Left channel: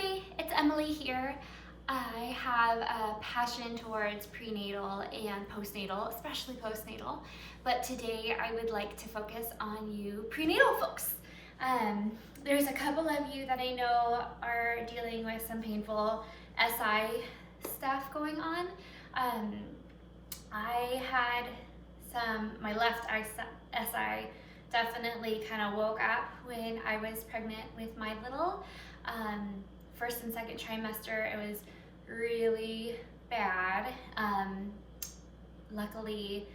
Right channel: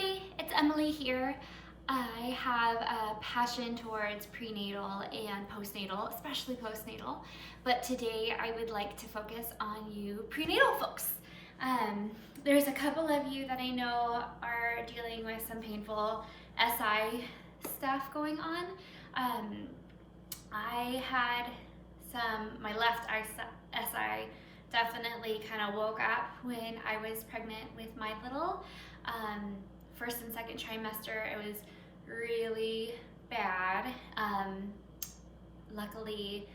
everybody, it's Emily here. I have a passion towards prenatal and postnatal, especially postnatal, but today I would like to focus on you prenatal folks. There's a couple of you that I know are dealing with some painful SI stuff going on. I had my left SI definitely kind of woke up when I was pregnant with my little. First and second trimester, it was really bad. Luckily,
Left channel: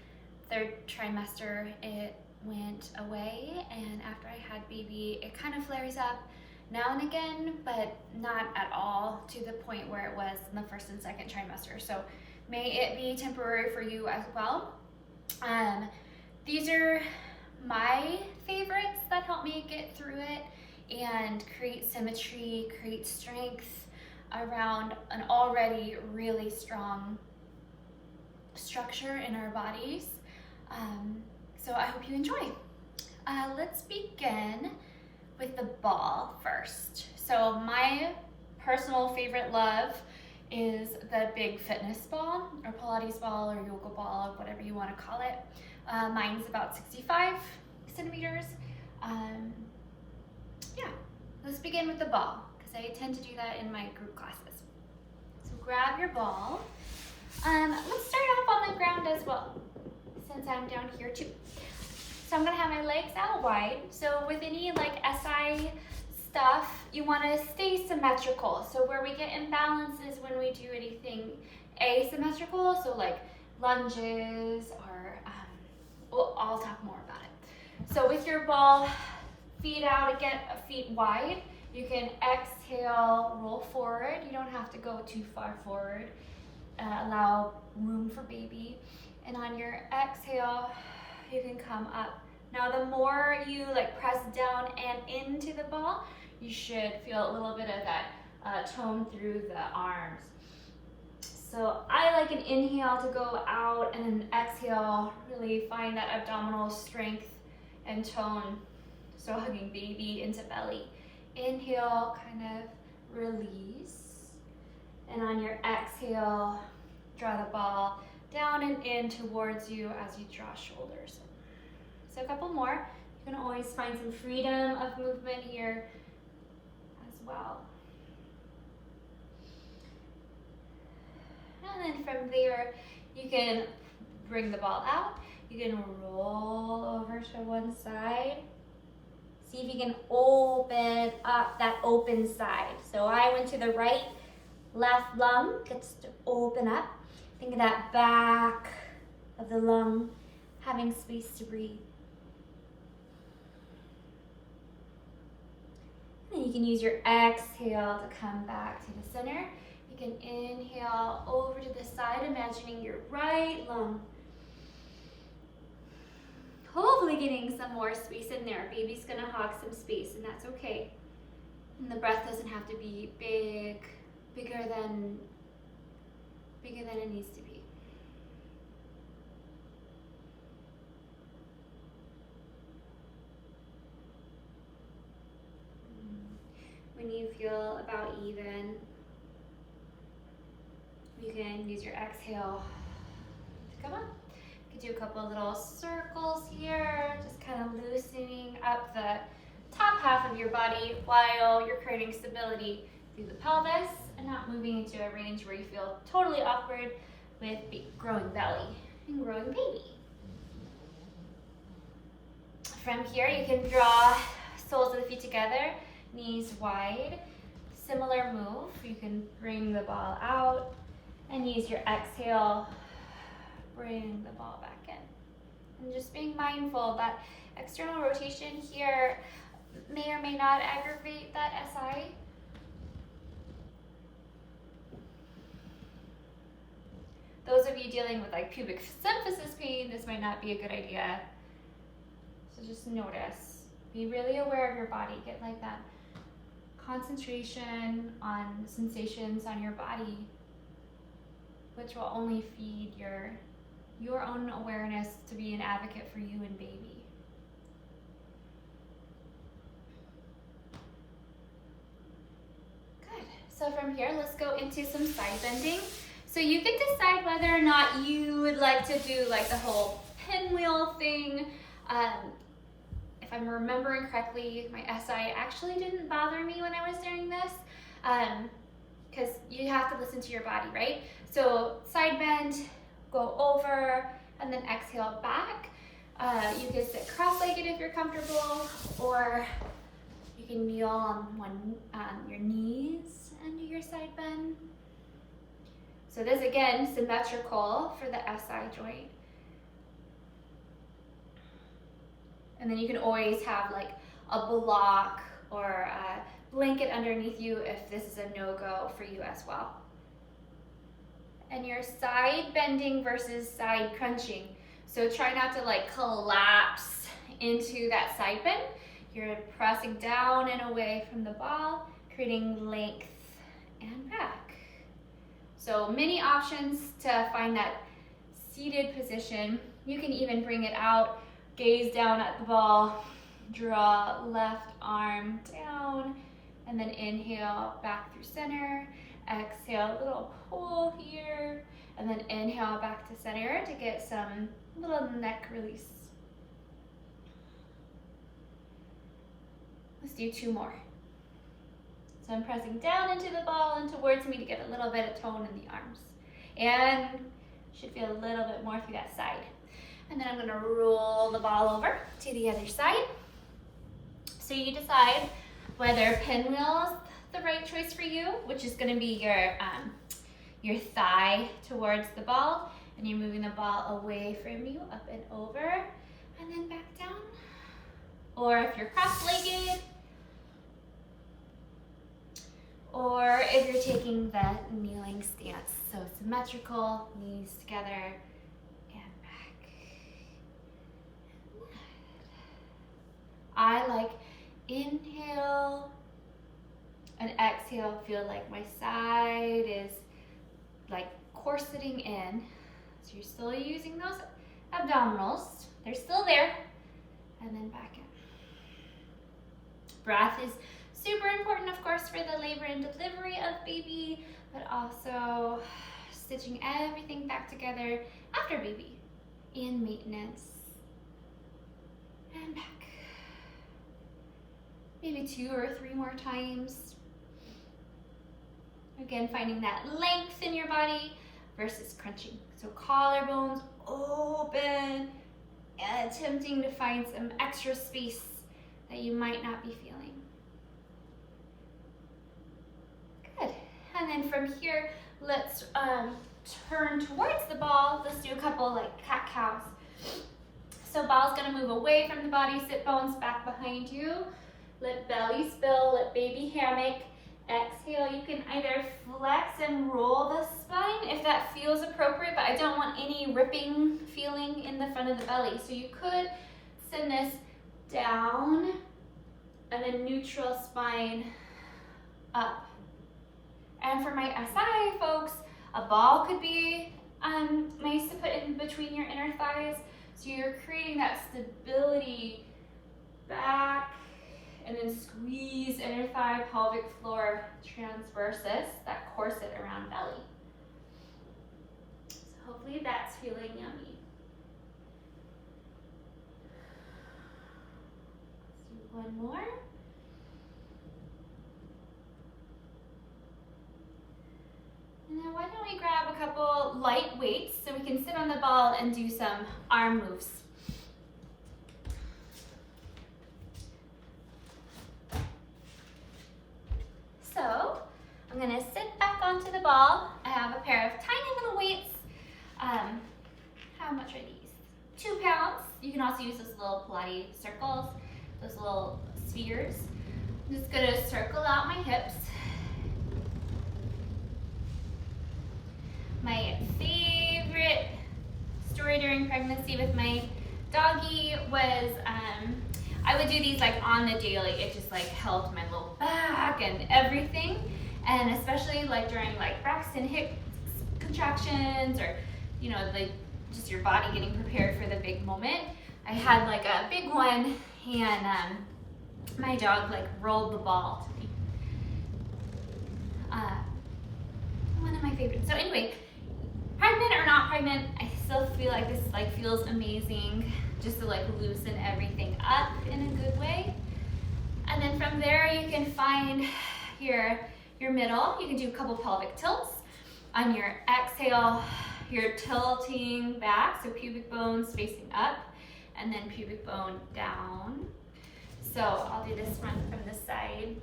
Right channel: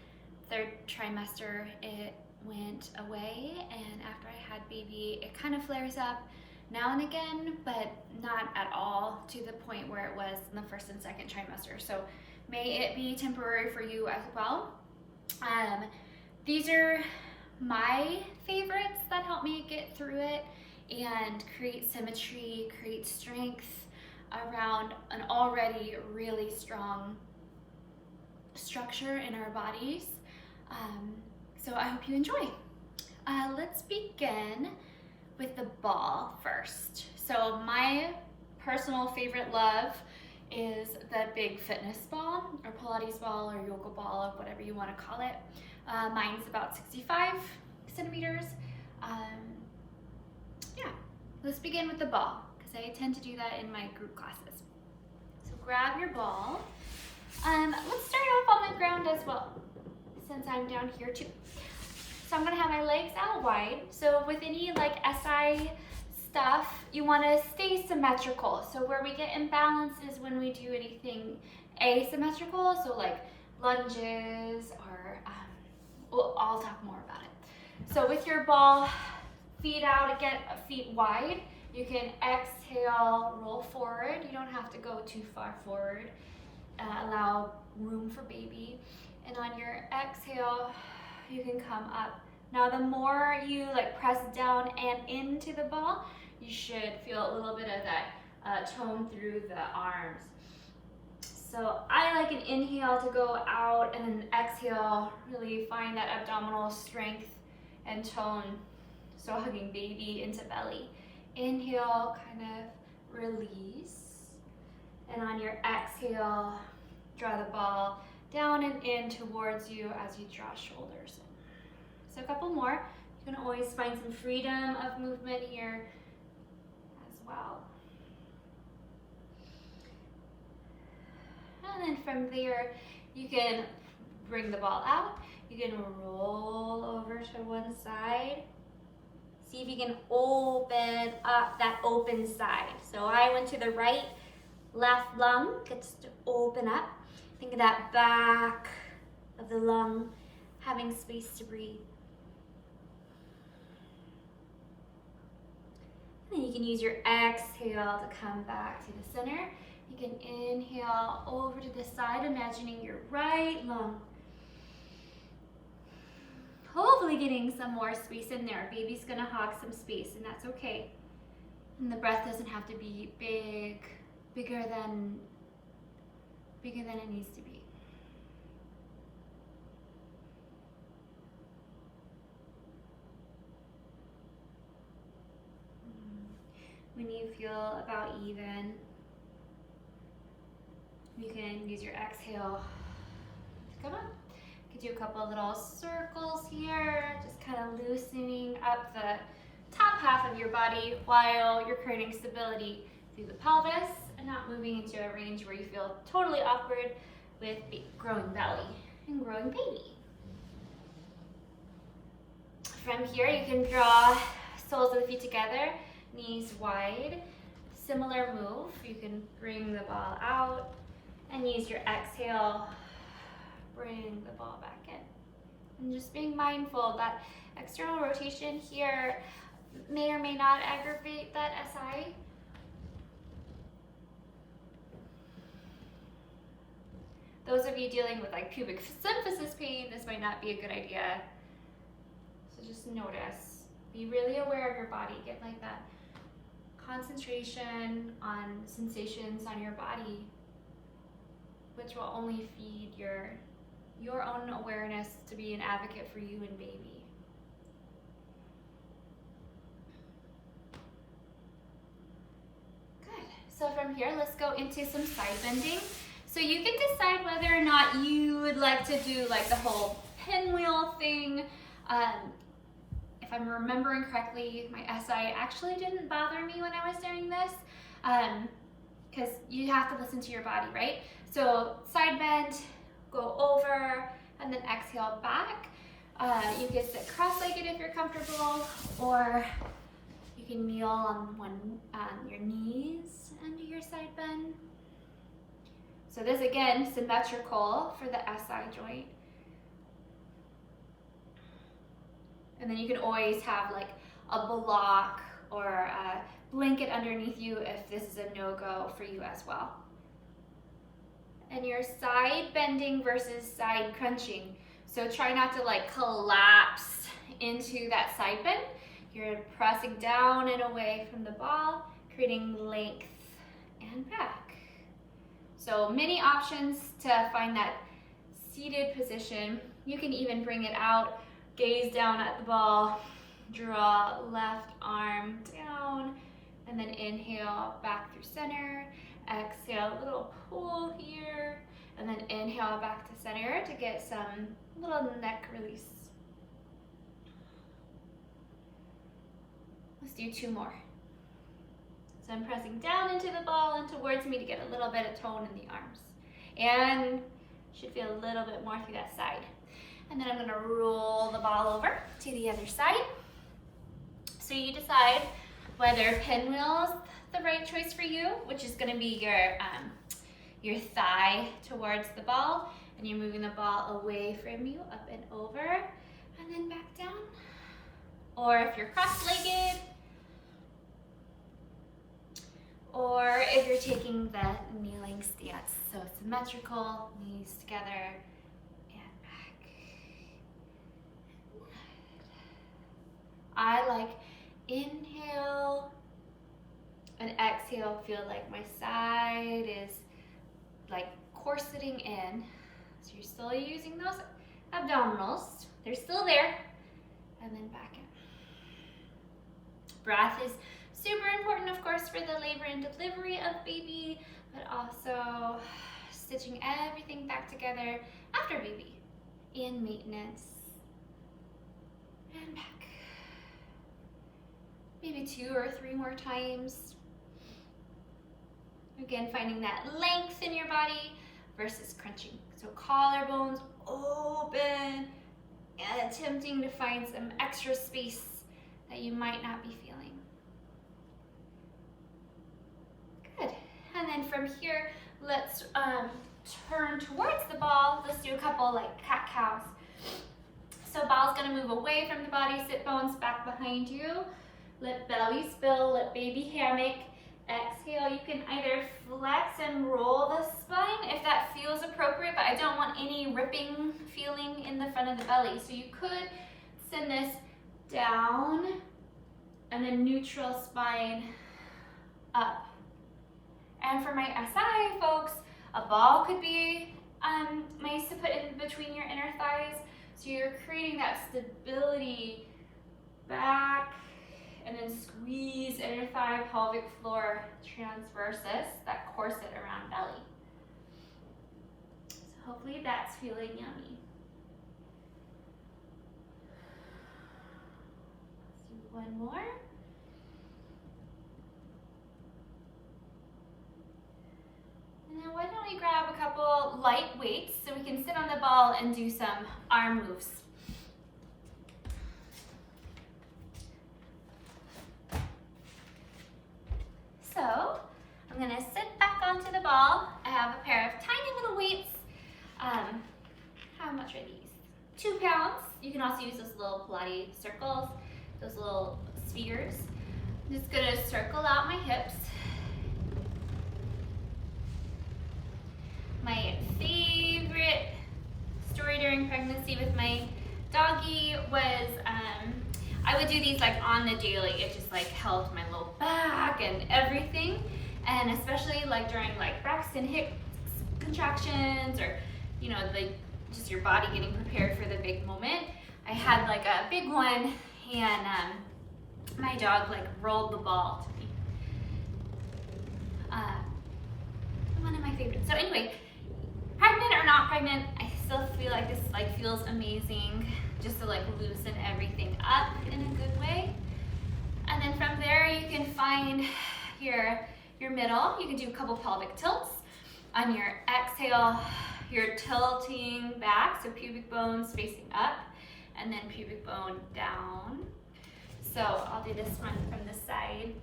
third trimester, it went away, and after I had baby, it kind of flares up now and again, but not at all to the point where it was in the first and second trimester. So may it be temporary for you as well. These are my favorites that help me get through it and create symmetry, create strength around an already really strong structure in our bodies. So I hope you enjoy. Let's begin with the ball first. So my personal favorite love is the big fitness ball or Pilates ball or yoga ball, or whatever you want to call it. Mine's about 65 centimeters. Yeah, let's begin with the ball because I tend to do that in my group classes. So grab your ball. Let's start off on the ground as well, since I'm down here too. So I'm gonna have my legs out wide. So with any like SI stuff, you wanna stay symmetrical. So where we get imbalance is when we do anything asymmetrical, so like lunges or, I'll talk more about it. So with your ball, feet out again, feet wide, you can exhale, roll forward. You don't have to go too far forward. Allow room for baby. And on your exhale, you can come up. Now the more you like press down and into the ball, you should feel a little bit of that tone through the arms. So I like an inhale to go out and an exhale, really find that abdominal strength and tone. So hugging baby into belly. Inhale, kind of release. And on your exhale, draw the ball down and in towards you as you draw shoulders. So a couple more. You can always find some freedom of movement here as well. And then from there, you can bring the ball out. You can roll over to one side. See if you can open up that open side. So I went to the right, left lung gets to open up. Think of that back of the lung having space to breathe. And then you can use your exhale to come back to the center. You can inhale over to the side, imagining your right lung. Hopefully getting some more space in there. Baby's gonna hog some space, and that's okay. And the breath doesn't have to be bigger than it needs to be. When you feel about even, you can use your exhale to come up. You can do a couple little circles here, just kind of loosening up the top half of your body while you're creating stability through the pelvis and not moving into a range where you feel totally awkward with growing belly and growing baby. From here, you can draw soles of the feet together, knees wide. Similar move, you can bring the ball out and use your exhale, bring the ball back in. And just being mindful that external rotation here may or may not aggravate that SI. Those of you dealing with like pubic symphysis pain, this might not be a good idea. So just notice, be really aware of your body, get like that concentration on sensations on your body, which will only feed your own awareness to be an advocate for you and baby. Good. So from here, let's go into some side bending. So you can decide whether or not you would like to do like the whole pinwheel thing. If I'm remembering correctly, my SI actually didn't bother me when I was doing this, because you have to listen to your body, right? So side bend, go over, and then exhale back. You can sit cross-legged if you're comfortable, or you can kneel on your knees and do your side bend. So this, again, symmetrical for the SI joint. And then you can always have like a block or a blanket underneath you if this is a no-go for you as well. And your side bending versus side crunching. So try not to like collapse into that side bend. You're pressing down and away from the ball, creating length and back. So many options to find that seated position. You can even bring it out, gaze down at the ball, draw left arm down, and then inhale back through center. Exhale, a little pull here, and then inhale back to center to get some little neck release. Let's do 2 more. So I'm pressing down into the ball and towards me to get a little bit of tone in the arms. And should feel a little bit more through that side. And then I'm gonna roll the ball over to the other side. So you decide whether pinwheel's the right choice for you, which is gonna be your thigh towards the ball, and you're moving the ball away from you, up and over, and then back down. Or if you're cross-legged, or if you're taking the kneeling stance. So symmetrical, knees together, and back. I like inhale and exhale, feel like my side is like corseting in. So you're still using those abdominals. They're still there. And then back in. Breath is super important, of course, for the labor and delivery of baby, but also stitching everything back together after baby and maintenance. And back. Maybe 2 or 3 more times. Again, finding that length in your body versus crunching. So collarbones open and attempting to find some extra space that you might not be feeling. Good. And then from here, let's turn towards the ball. Let's do a couple like cat-cows. So ball's gonna move away from the body, sit bones back behind you. Let belly spill, let baby hammock. Exhale, you can either flex and roll the spine if that feels appropriate, but I don't want any ripping feeling in the front of the belly. So you could send this down and then neutral spine up. And for my SI folks, a ball could be nice to put in between your inner thighs. So you're creating that stability back, and then squeeze inner thigh, pelvic floor transversus, that corset around belly. So hopefully that's feeling yummy. Let's do 1 more. And then why don't we grab a couple light weights so we can sit on the ball and do some arm moves. So I'm gonna sit back onto the ball. I have a pair of tiny little weights. How much are these? 2 pounds. You can also use those little Pilates circles, those little spheres. I'm just gonna circle out my hips. My favorite story during pregnancy with my doggy was I would do these like on the daily. It just like helped my low back and everything. And especially like during like Braxton hip contractions, or you know, like just your body getting prepared for the big moment. I had like a big one, and my dog like rolled the ball to me. one of my favorites. So anyway, pregnant or not pregnant, I still feel like this like feels amazing just to like loosen everything up in a good way. And then from there you can find your middle. You can do a couple pelvic tilts. On your exhale, you're tilting back, so pubic bones facing up, and then pubic bone down. So I'll do this one from the side.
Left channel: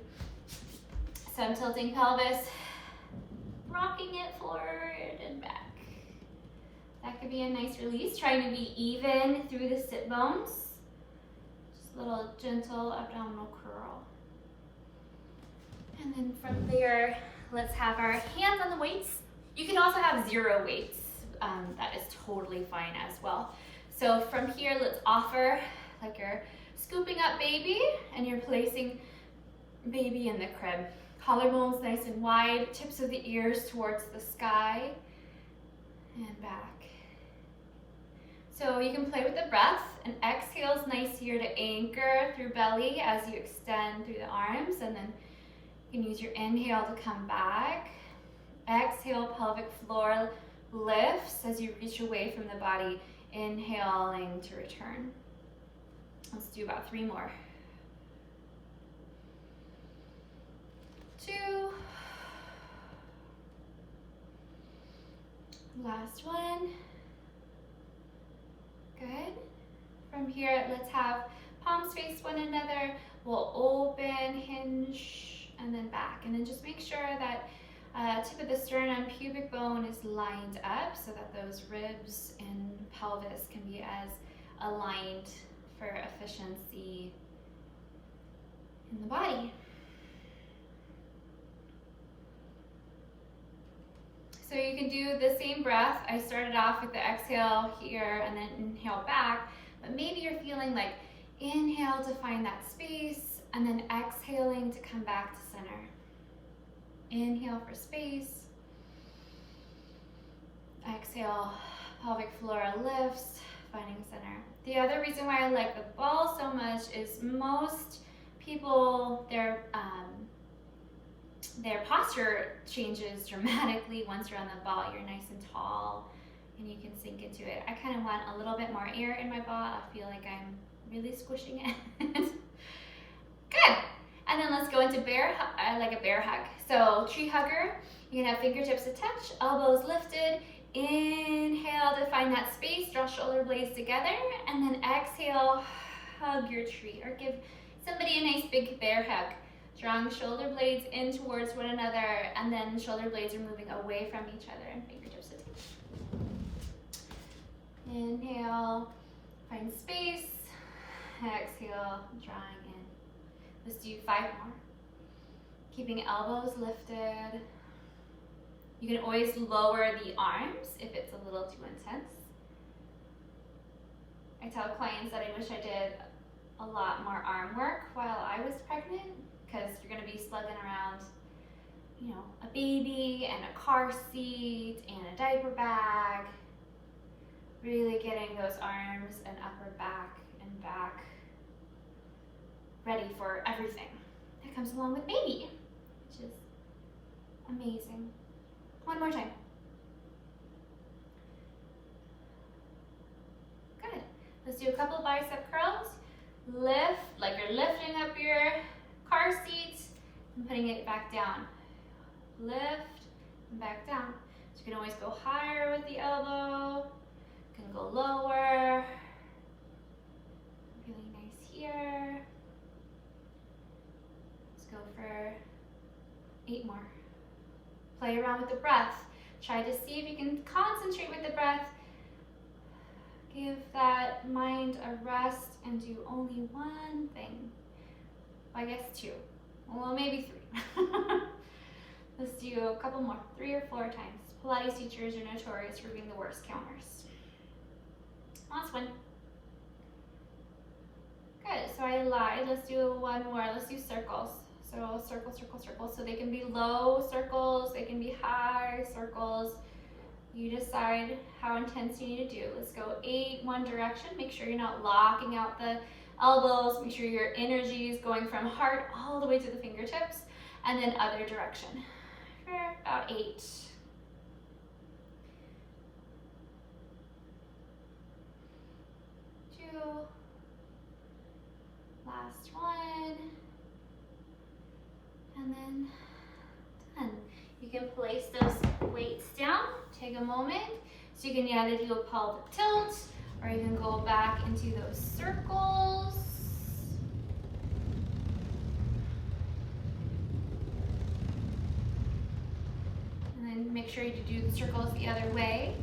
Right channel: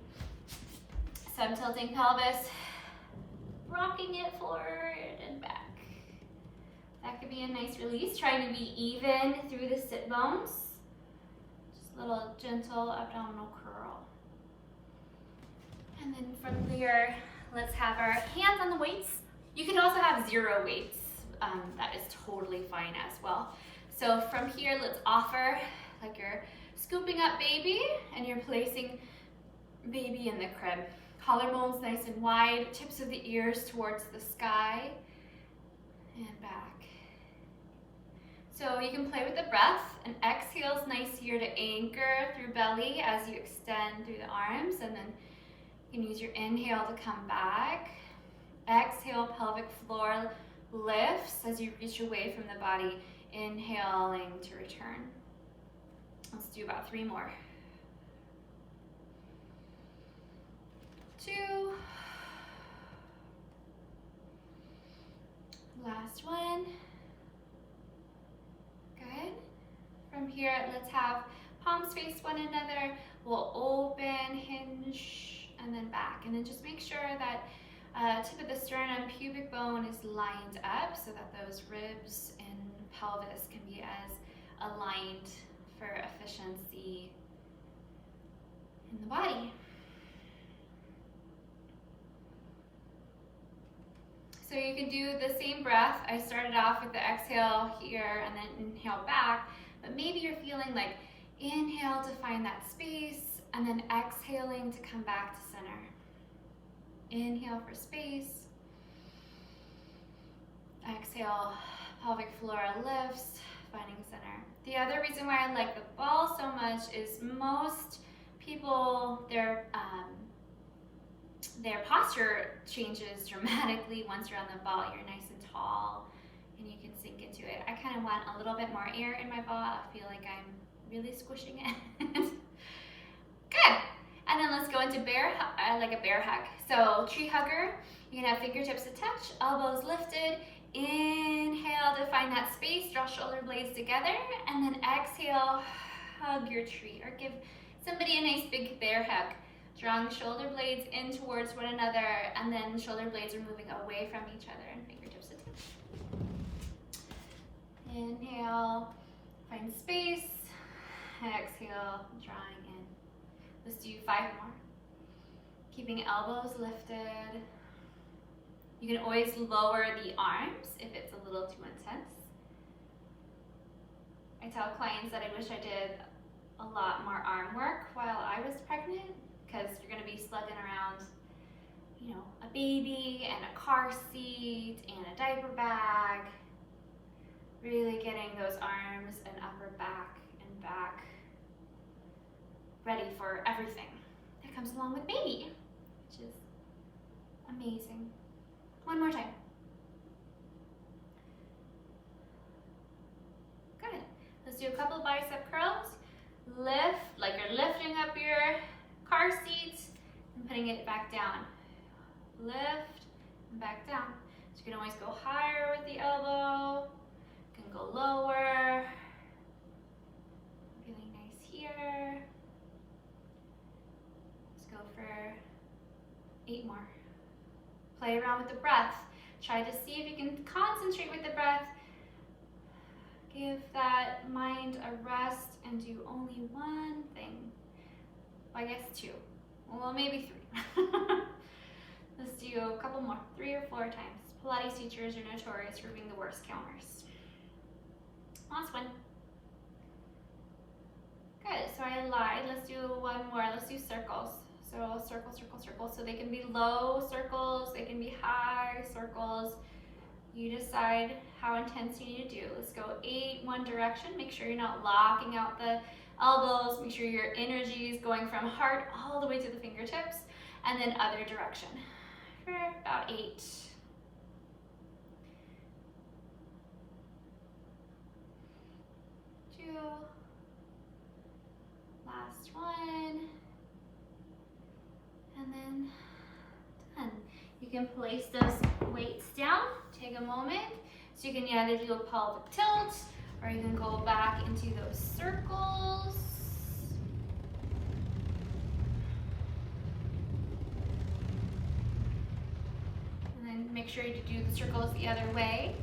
So I'm tilting pelvis, rocking it forward and back. That could be a nice release, trying to be even through the sit bones. Just a little gentle abdominal curl. And then from there, let's have our hands on the weights. You can also have 0 weights. That is totally fine as well. So from here, let's offer like you're scooping up baby and you're placing baby in the crib. Collarbones nice and wide, tips of the ears towards the sky and back. So you can play with the breath. An exhale is nice here to anchor through belly as you extend through the arms, and then you can use your inhale to come back. Exhale, pelvic floor lifts as you reach away from the body, inhaling to return. Let's do about 3 more. 2. Last one. Good. From here, let's have palms face one another. We'll open, hinge, and then back. And then just make sure that tip of the sternum, pubic bone is lined up so that those ribs and pelvis can be as aligned for efficiency in the body. So you can do the same breath. I started off with the exhale here and then inhale back, but maybe you're feeling like inhale to find that space and then exhaling to come back to center. Inhale for space. Exhale, pelvic floor lifts, finding center. The other reason why I like the ball so much is most people, their posture changes dramatically once you're on the ball. You're nice and tall and you can sink into it. I kind of want a little bit more air in my ball. I feel like I'm really squishing it. Good. And then let's go into like a bear hug. So tree hugger, you can have fingertips attached, elbows lifted. Inhale to find that space, draw shoulder blades together, and then exhale, hug your tree, or give somebody a nice big bear hug. Drawing shoulder blades in towards one another, and then shoulder blades are moving away from each other and fingertips attached. Inhale, find space. Exhale, drawing in. Let's do 5 more. Keeping elbows lifted. You can always lower the arms if it's a little too intense. I tell clients that I wish I did a lot more arm work while I was pregnant, because you're going to be slugging around, you know, a baby and a car seat and a diaper bag. Really getting those arms and upper back and back ready for everything that comes along with baby, which is amazing. 1 more time. Good. Let's do a couple bicep curls. Lift, like you're lifting up your car seat and putting it back down. Lift and back down. So you can always go higher with the elbow. You can go lower. Really nice here. Let's go for 8 more. Play around with the breath. Try to see if you can concentrate with the breath. Give that mind a rest and do only one thing. Well, I guess 2. Well, maybe 3. Let's do a couple more, 3 or 4 times. Pilates teachers are notorious for being the worst counters. Last one. Good, so I lied. Let's do 1 more. Let's do circles. So circle, circle, circle. So they can be low circles, they can be high circles. You decide how intense you need to do. Let's go 8, one direction. Make sure you're not locking out the elbows. Make sure your energy is going from heart all the way to the fingertips. And then other direction for about 8. Last one. And then done. You can place those weights down. Take a moment. So you can either do a pelvic tilt, or you can go back into those circles. And then make sure you do the circles the other way.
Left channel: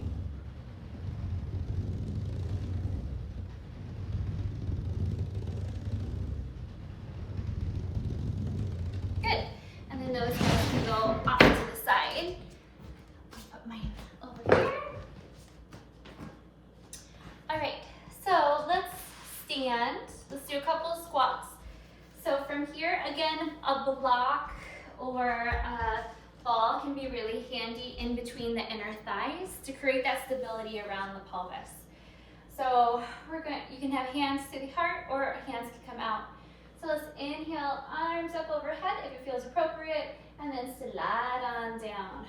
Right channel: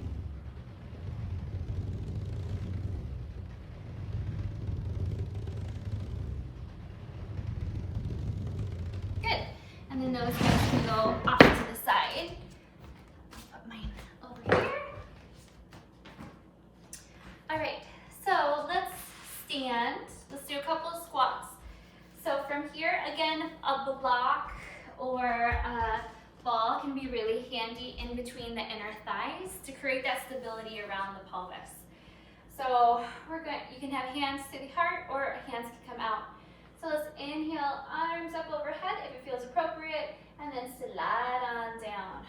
Good. And then those can go off to the side. Put mine over here. All right, so let's stand. Let's do a couple of squats. So from here, again, a block or a ball can be really handy in between the inner thighs to create that stability around the pelvis. So you can have hands to the heart, or hands can come out. So let's inhale, arms up overhead if it feels appropriate, and then slide on down.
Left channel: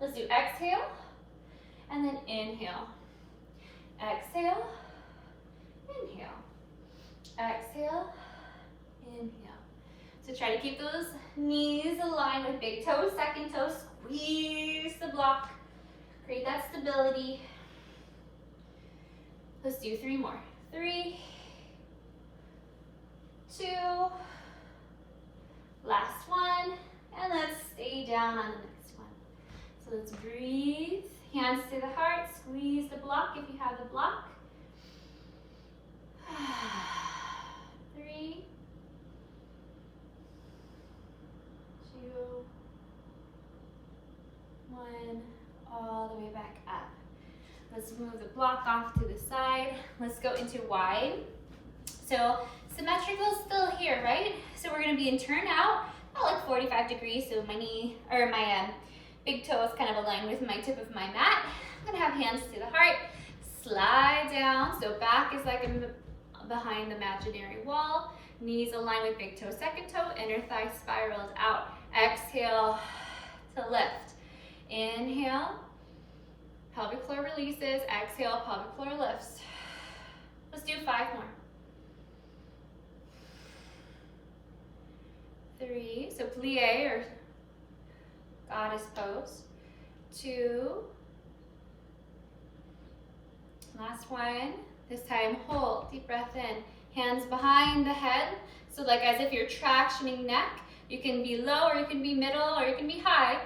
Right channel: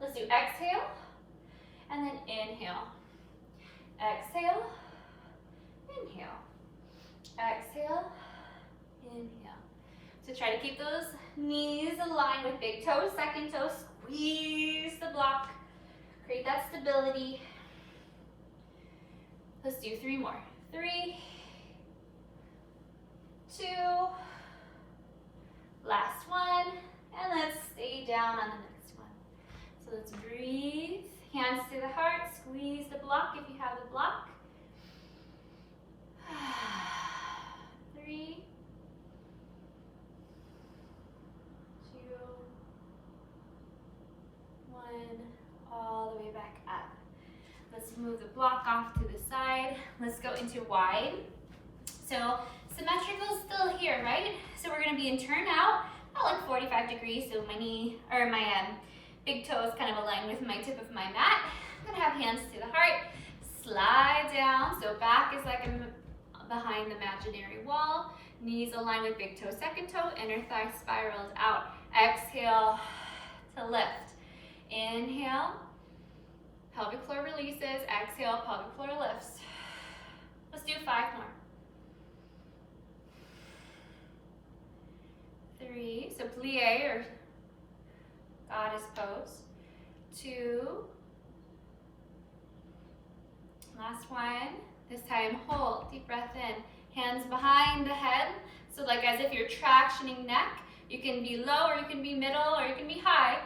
Let's do exhale, and then inhale. Exhale, inhale. Exhale, inhale. So try to keep those knees aligned with big toes, second toe, squeeze the block, create that stability. Let's do 3 more. 3, 2, last one, and let's stay down on the next one. So let's breathe, hands to the heart, squeeze the block if you have the block. 3, 2, 1, all the way back up. Let's move the block off to the side. Let's go into wide. So symmetrical is still here, right? So we're gonna be in turn out, about like 45 degrees. So my knee, or my big toe is kind of aligned with my tip of my mat. I'm gonna have hands to the heart, slide down. So back is like behind the imaginary wall. Knees aligned with big toe, second toe, inner thigh spiraled out. Exhale to lift. Inhale, pelvic floor releases. Exhale, pelvic floor lifts. Let's do 5 more. 3, so plie or goddess pose. 2, last one. This time hold, deep breath in. Hands behind the head, so like as if you're tractioning neck. You can be low, or you can be middle, or you can be high.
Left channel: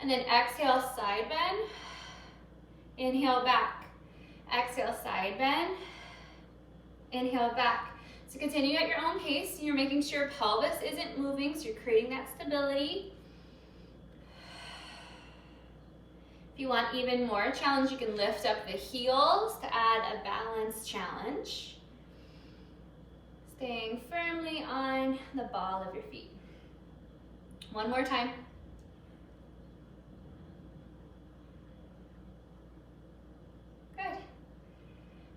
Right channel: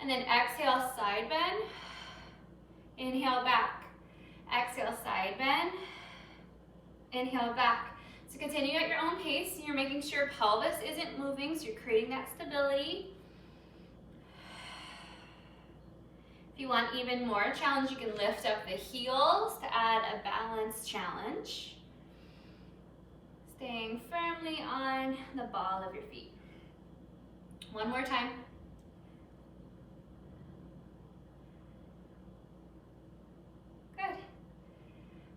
And then exhale, side bend. Inhale, back. Exhale, side bend. Inhale, back. So continue at your own pace. You're making sure pelvis isn't moving, so you're creating that stability. If you want even more challenge, you can lift up the heels to add a balance challenge. Staying firmly on the ball of your feet. 1 more time. Good.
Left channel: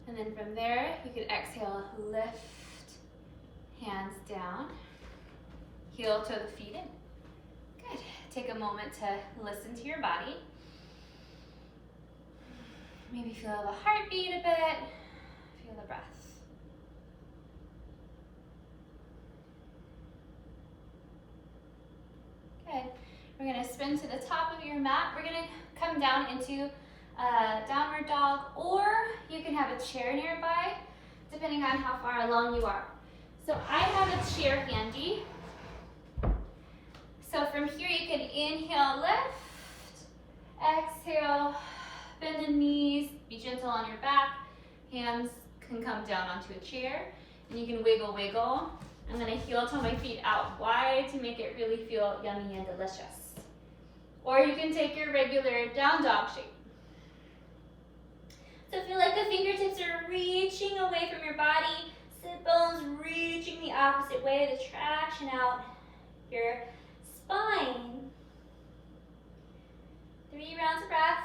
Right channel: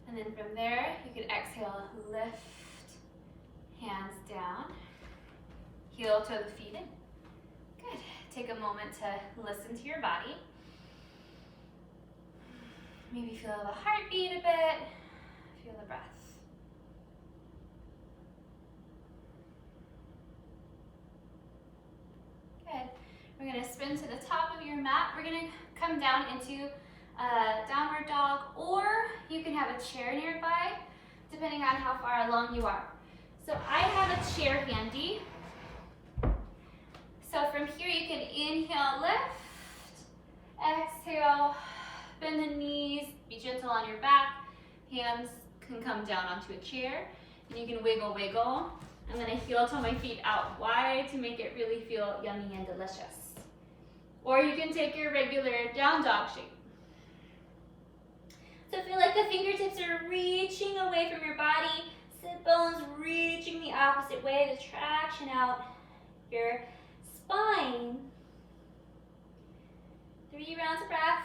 And then from there, you can exhale, lift, hands down, heel to the feet in. Good. Take a moment to listen to your body. Maybe feel the heartbeat a bit, feel the breath. Good. We're gonna spin to the top of your mat. We're gonna come down into downward dog, or you can have a chair nearby, depending on how far along you are. So I have a chair handy. So from here you can inhale, lift, exhale, bend the knees, be gentle on your back. Hands can come down onto a chair, and you can wiggle, wiggle. I'm gonna heel toe my feet out wide to make it really feel yummy and delicious. Or you can take your regular down dog shape. So feel like the fingertips are reaching away from your body, sit bones reaching the opposite way to traction out your spine. 3 rounds of breath.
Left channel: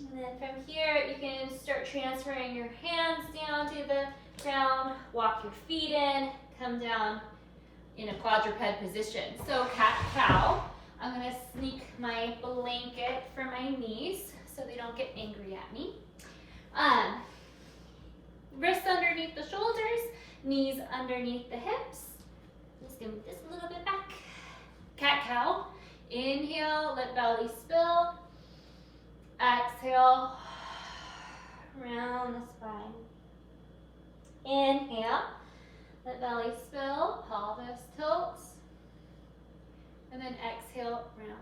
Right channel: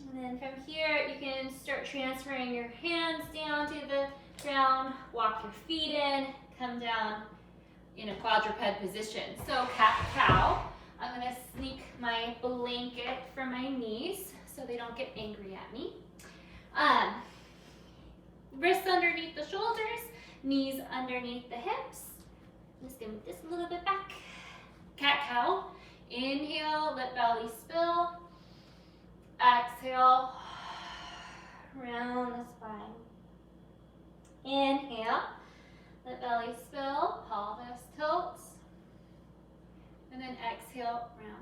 And then from here, you can start transferring your hands down to the down, walk your feet in, come down in a quadruped position. So cat-cow. I'm gonna sneak my blanket for my knees so they don't get angry at me. Wrists underneath the shoulders, knees underneath the hips. I'm just gonna move this a little bit back. Cat-cow. Inhale, let belly spill. Exhale, round the spine. Inhale, let belly spill, pelvis tilts. And then exhale, round.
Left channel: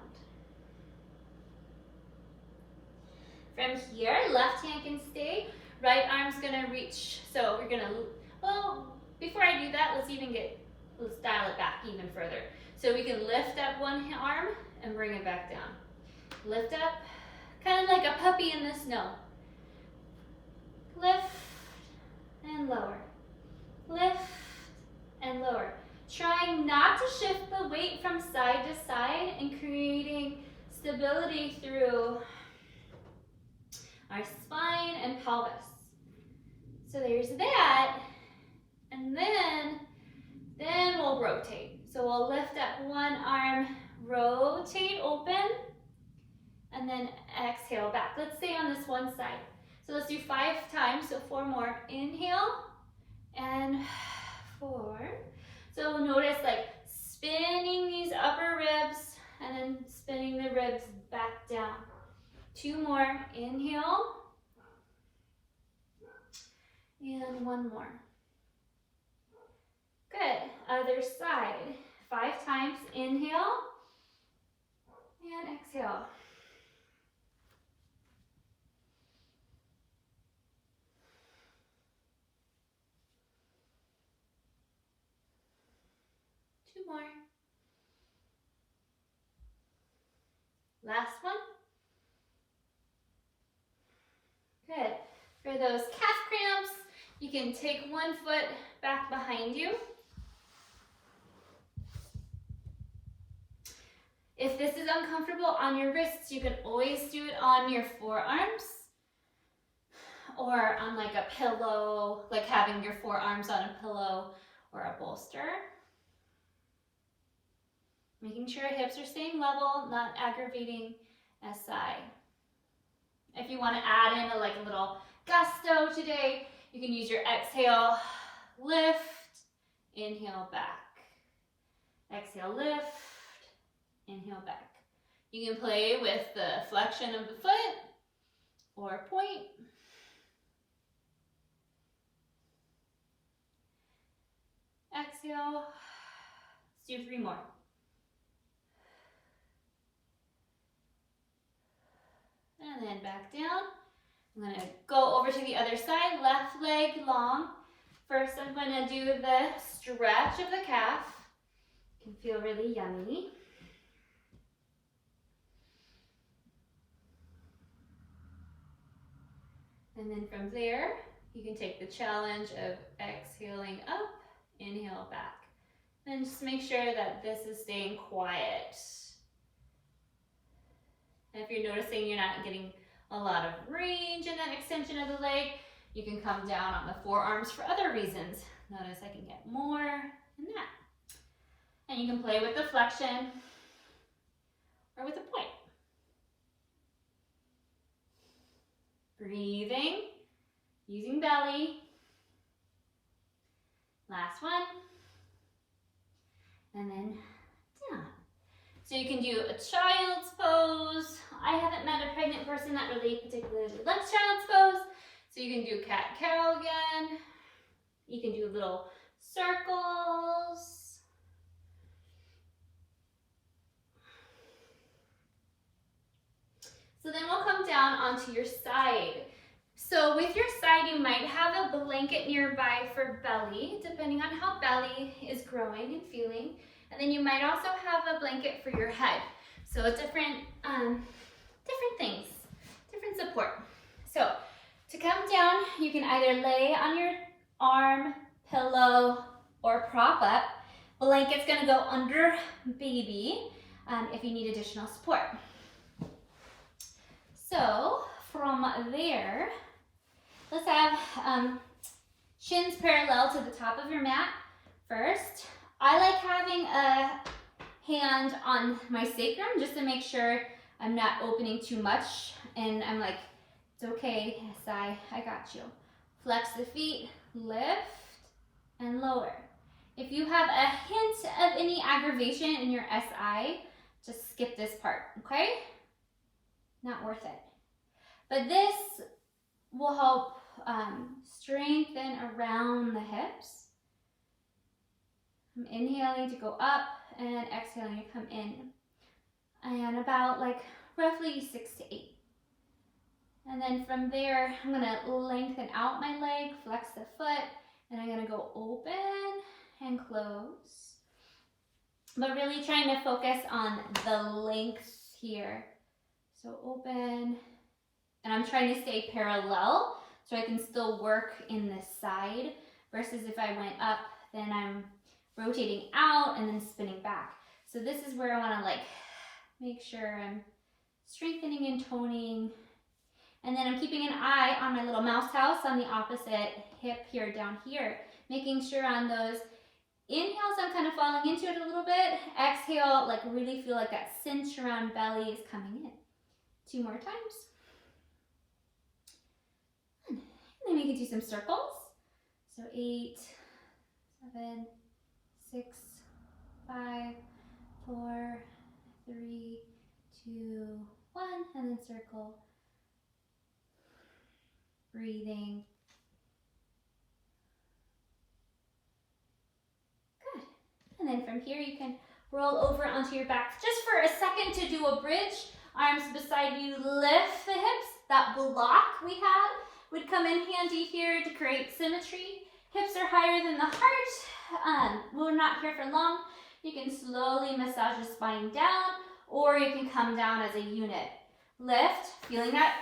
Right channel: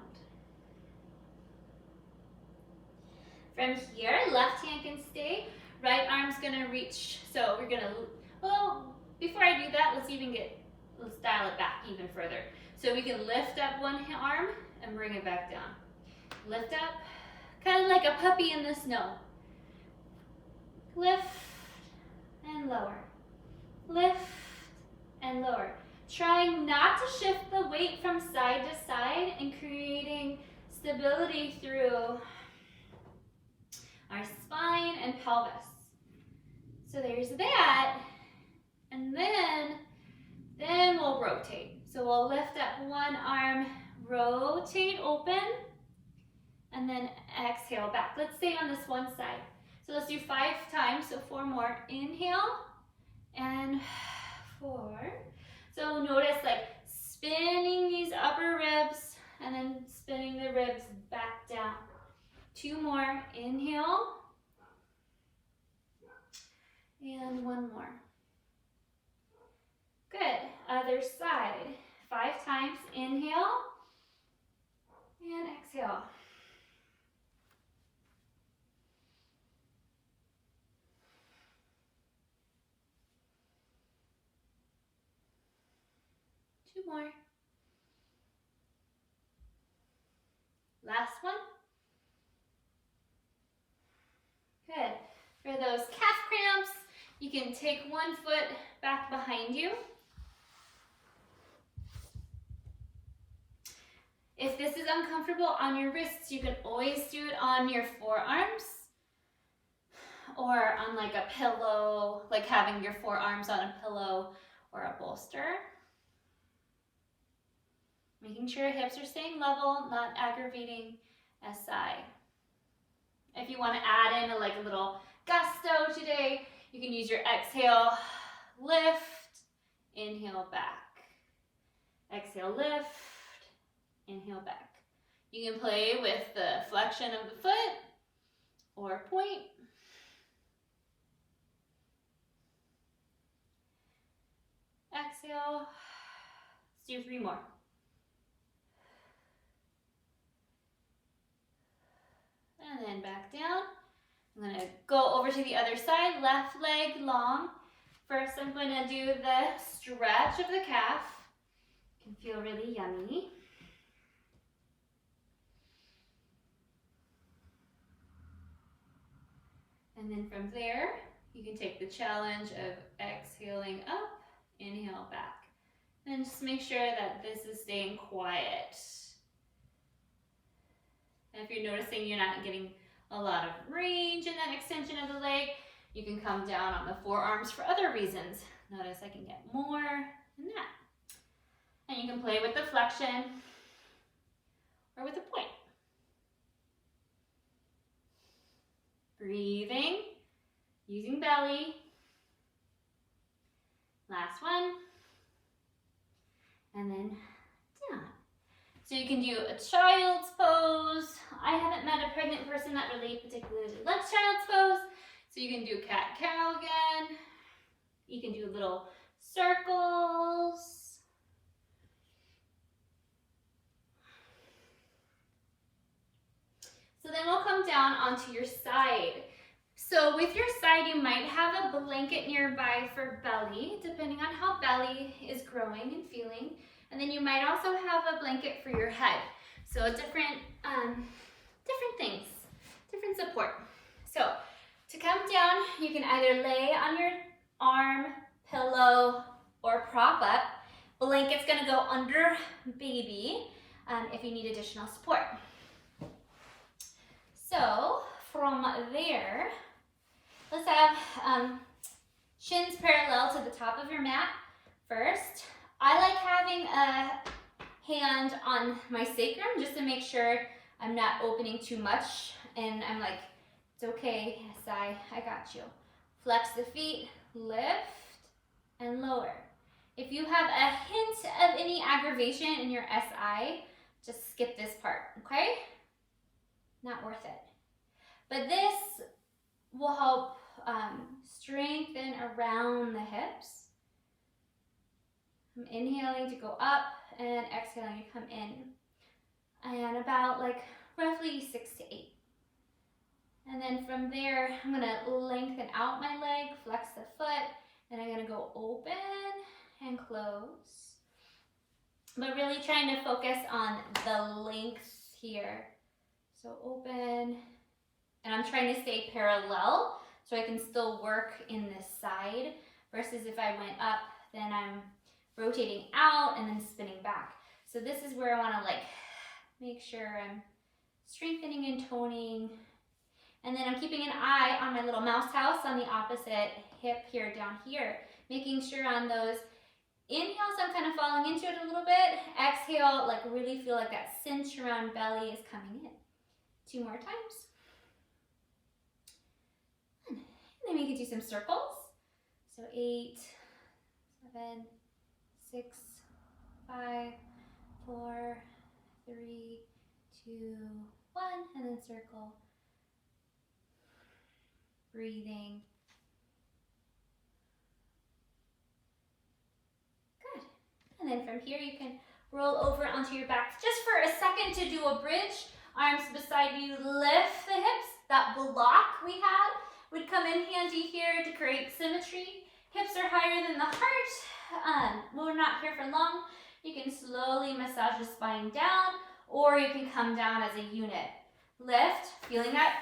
From here, left hand can stay. Right arm's gonna reach. So we're gonna, well, before I do that, let's dial it back even further. So we can lift up one arm and bring it back down. Lift up, kind of like a puppy in the snow. Lift and lower. Lift and lower. Trying not to shift the weight from side to side and creating stability through our spine and pelvis. So there's that. And then we'll rotate. So we'll lift up one arm, rotate open, and then exhale back. Let's stay on this one side. So let's do 5 times, so 4 more. Inhale, and 4. So notice like spinning these upper ribs, and then spinning the ribs back down. 2 more. Inhale, and 1 more. Good. Other side. 5 times. Inhale, and exhale. More. Last one. Good. For those calf cramps, you can take one foot back behind you. If this is uncomfortable on your wrists, you can always do it on your forearms or on like a pillow, like having your forearms on a pillow or a bolster. Making sure hips are staying level, not aggravating SI. If you want to add in a little gusto today, you can use your exhale, lift, inhale back. Exhale, lift, inhale back. You can play with the flexion of the foot or point. Exhale. Let's do 3 more. And then back down. I'm going to go over to the other side, left leg long. First, I'm going to do the stretch of the calf. It can feel really yummy. And then from there, you can take the challenge of exhaling up, inhale back. And just make sure that this is staying quiet. And if you're noticing you're not getting a lot of range in that extension of the leg, you can come down on the forearms for other reasons. Notice I can get more than that. And you can play with the flexion or with a point. Breathing, using belly. Last one. And then down. So you can do a child's pose. I haven't met a pregnant person that really particularly likes child's pose. So you can do cat-cow again. You can do little circles. So then we'll come down onto your side. So with your side, you might have a blanket nearby for belly, depending on how belly is growing and feeling. And then you might also have a blanket for your head. So different things, different support. So to come down, you can either lay on your arm, pillow, or prop up. Blanket's gonna go under baby if you need additional support. So from there, let's have Shins parallel to the top of your mat first. I like having a hand on my sacrum just to make sure I'm not opening too much, and I'm like, it's okay, SI, I got you. Flex the feet, lift, and lower. If you have a hint of any aggravation in your SI, just skip this part, okay? Not worth it. But this will help strengthen around the hips. I'm inhaling to go up and exhaling to come in. And about like roughly 6 to 8. And then from there, I'm gonna lengthen out my leg, flex the foot, and I'm gonna go open and close. But really trying to focus on the length here. So open, and I'm trying to stay parallel so I can still work in this side, versus if I went up, then I'm rotating out and then spinning back. So this is where I wanna like make sure I'm strengthening and toning. And then I'm keeping an eye on my little mouse house on the opposite hip here, down here, making sure on those inhales I'm kind of falling into it a little bit. Exhale, like really feel like that cinch around belly is coming in. 2 more times. And then we can do some circles. So 8, 7, 6, 5, 4, 3, 2, 1, and then circle. Breathing. Good. And then from here you can roll over onto your back just for a second to do a bridge. Arms beside you, lift the hips. That block we had would come in handy here to create symmetry. Hips are higher than the heart. We're not here for long. You can slowly massage the spine down, or you can come down as a unit. Lift, feeling that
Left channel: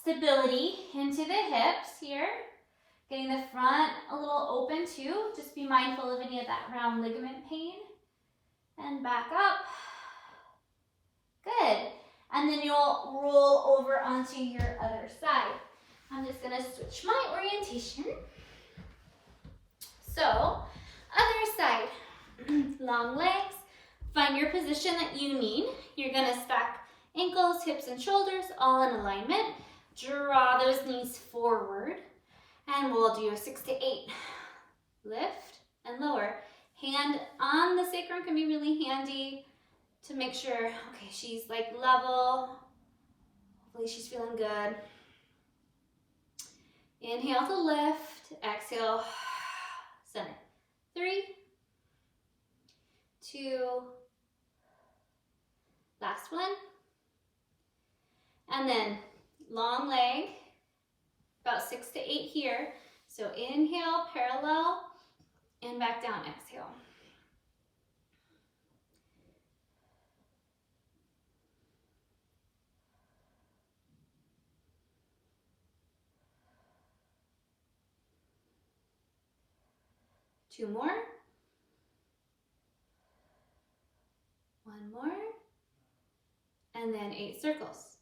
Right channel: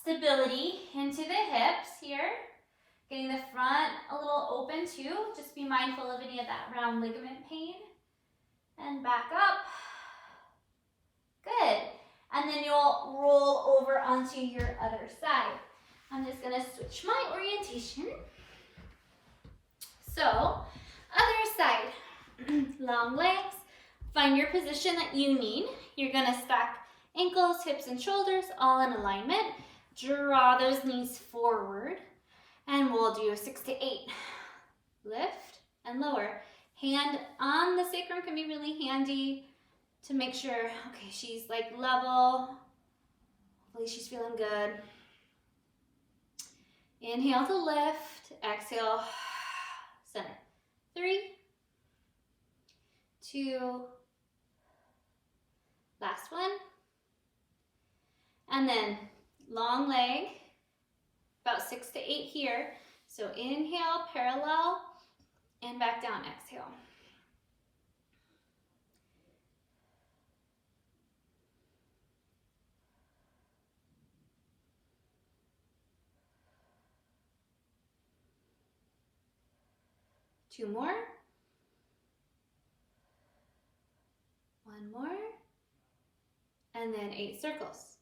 stability into the hips here. Getting the front a little open too. Just be mindful of any of that round ligament pain. And back up. Good. And then you'll roll over onto your other side. I'm just gonna switch my orientation. So, other side. Long legs. Find your position that you need. You're gonna stack ankles, hips, and shoulders all in alignment. Draw those knees forward, and we'll do a 6 to 8. Lift and lower. Hand on the sacrum can be really handy to make sure, okay, she's like level. Hopefully she's feeling good. Inhale to lift, exhale, center. 3, 2, last one. And then long leg, about 6 to 8 here. So inhale, parallel, and back down, exhale. Two more. One more. And then 8 circles.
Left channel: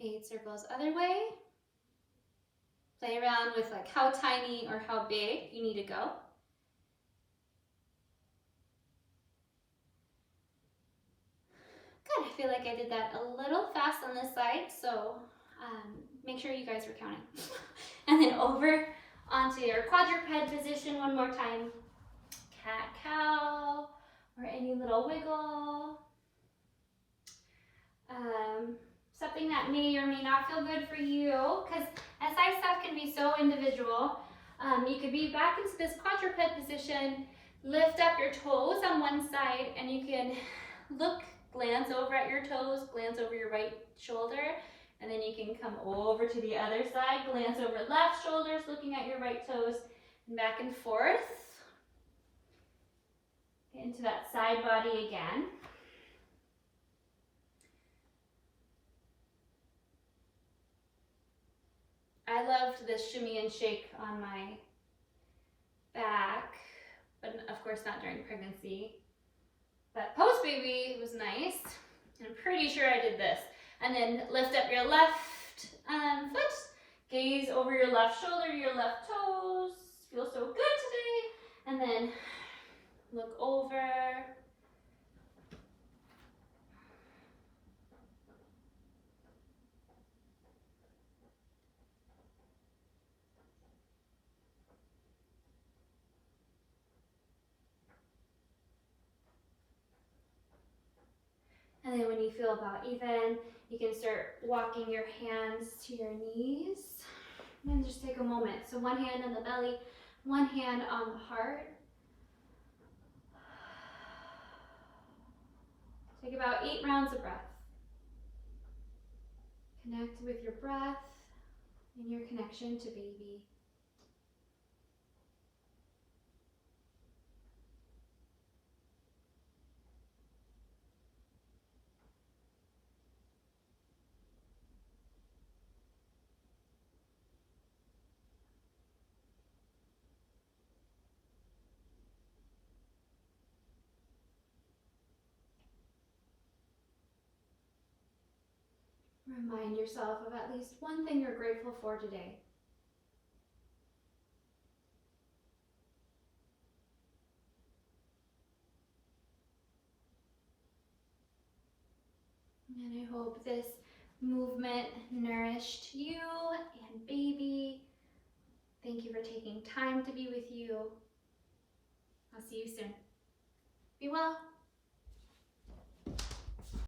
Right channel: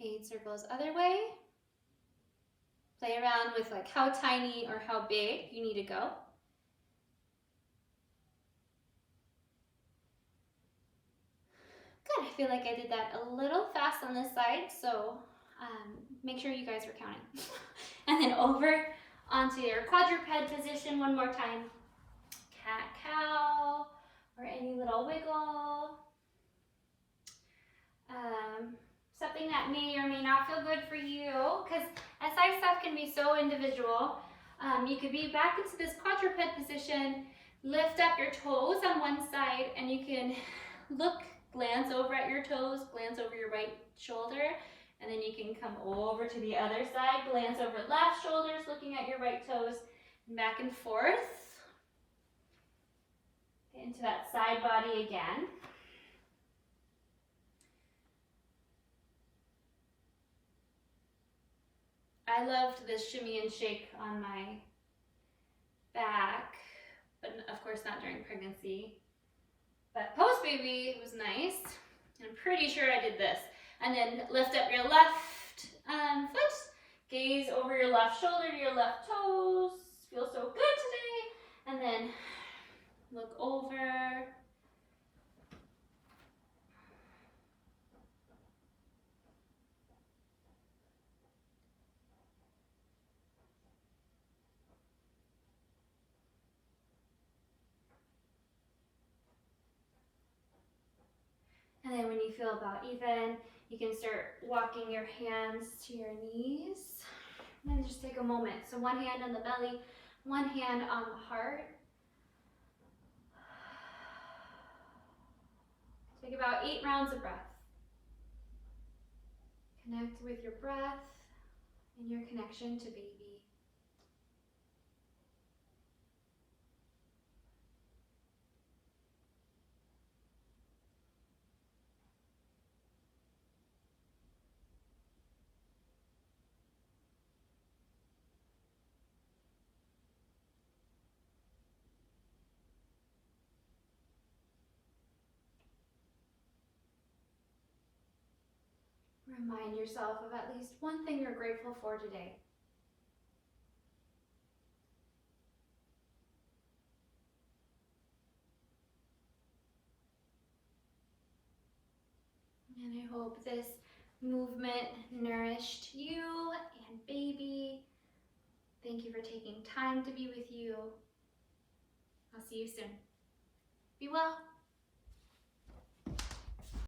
8 circles other way. Play around with like how tiny or how big you need to go. Good, I feel like I did that a little fast on this side, so make sure you guys are counting. And then over onto your quadruped position one more time. Cat-cow, or any little wiggle. Something that may or may not feel good for you, because SI stuff can be so individual. You could be back into this quadruped position, lift up your toes on one side, and you can glance over at your toes, glance over your right shoulder, and then you can come over to the other side, glance over left shoulders, looking at your right toes, and back and forth. Into that side body again. I loved the shimmy and shake on my back, but of course not during pregnancy. But post-baby, it was nice. I'm pretty sure I did this. And then lift up your left foot, gaze over your left shoulder to your left toes. Feels so good today. And then look over. And then when you feel about even, you can start walking your hands to your knees. And then just take a moment. So one hand on the belly, one hand on the heart. Take about 8 rounds of breath. Connect with your breath and your connection to baby. Remind yourself of at least one thing you're grateful for today. And I hope this movement nourished you and baby. Thank you for taking time to be with you. I'll see you soon. Be well.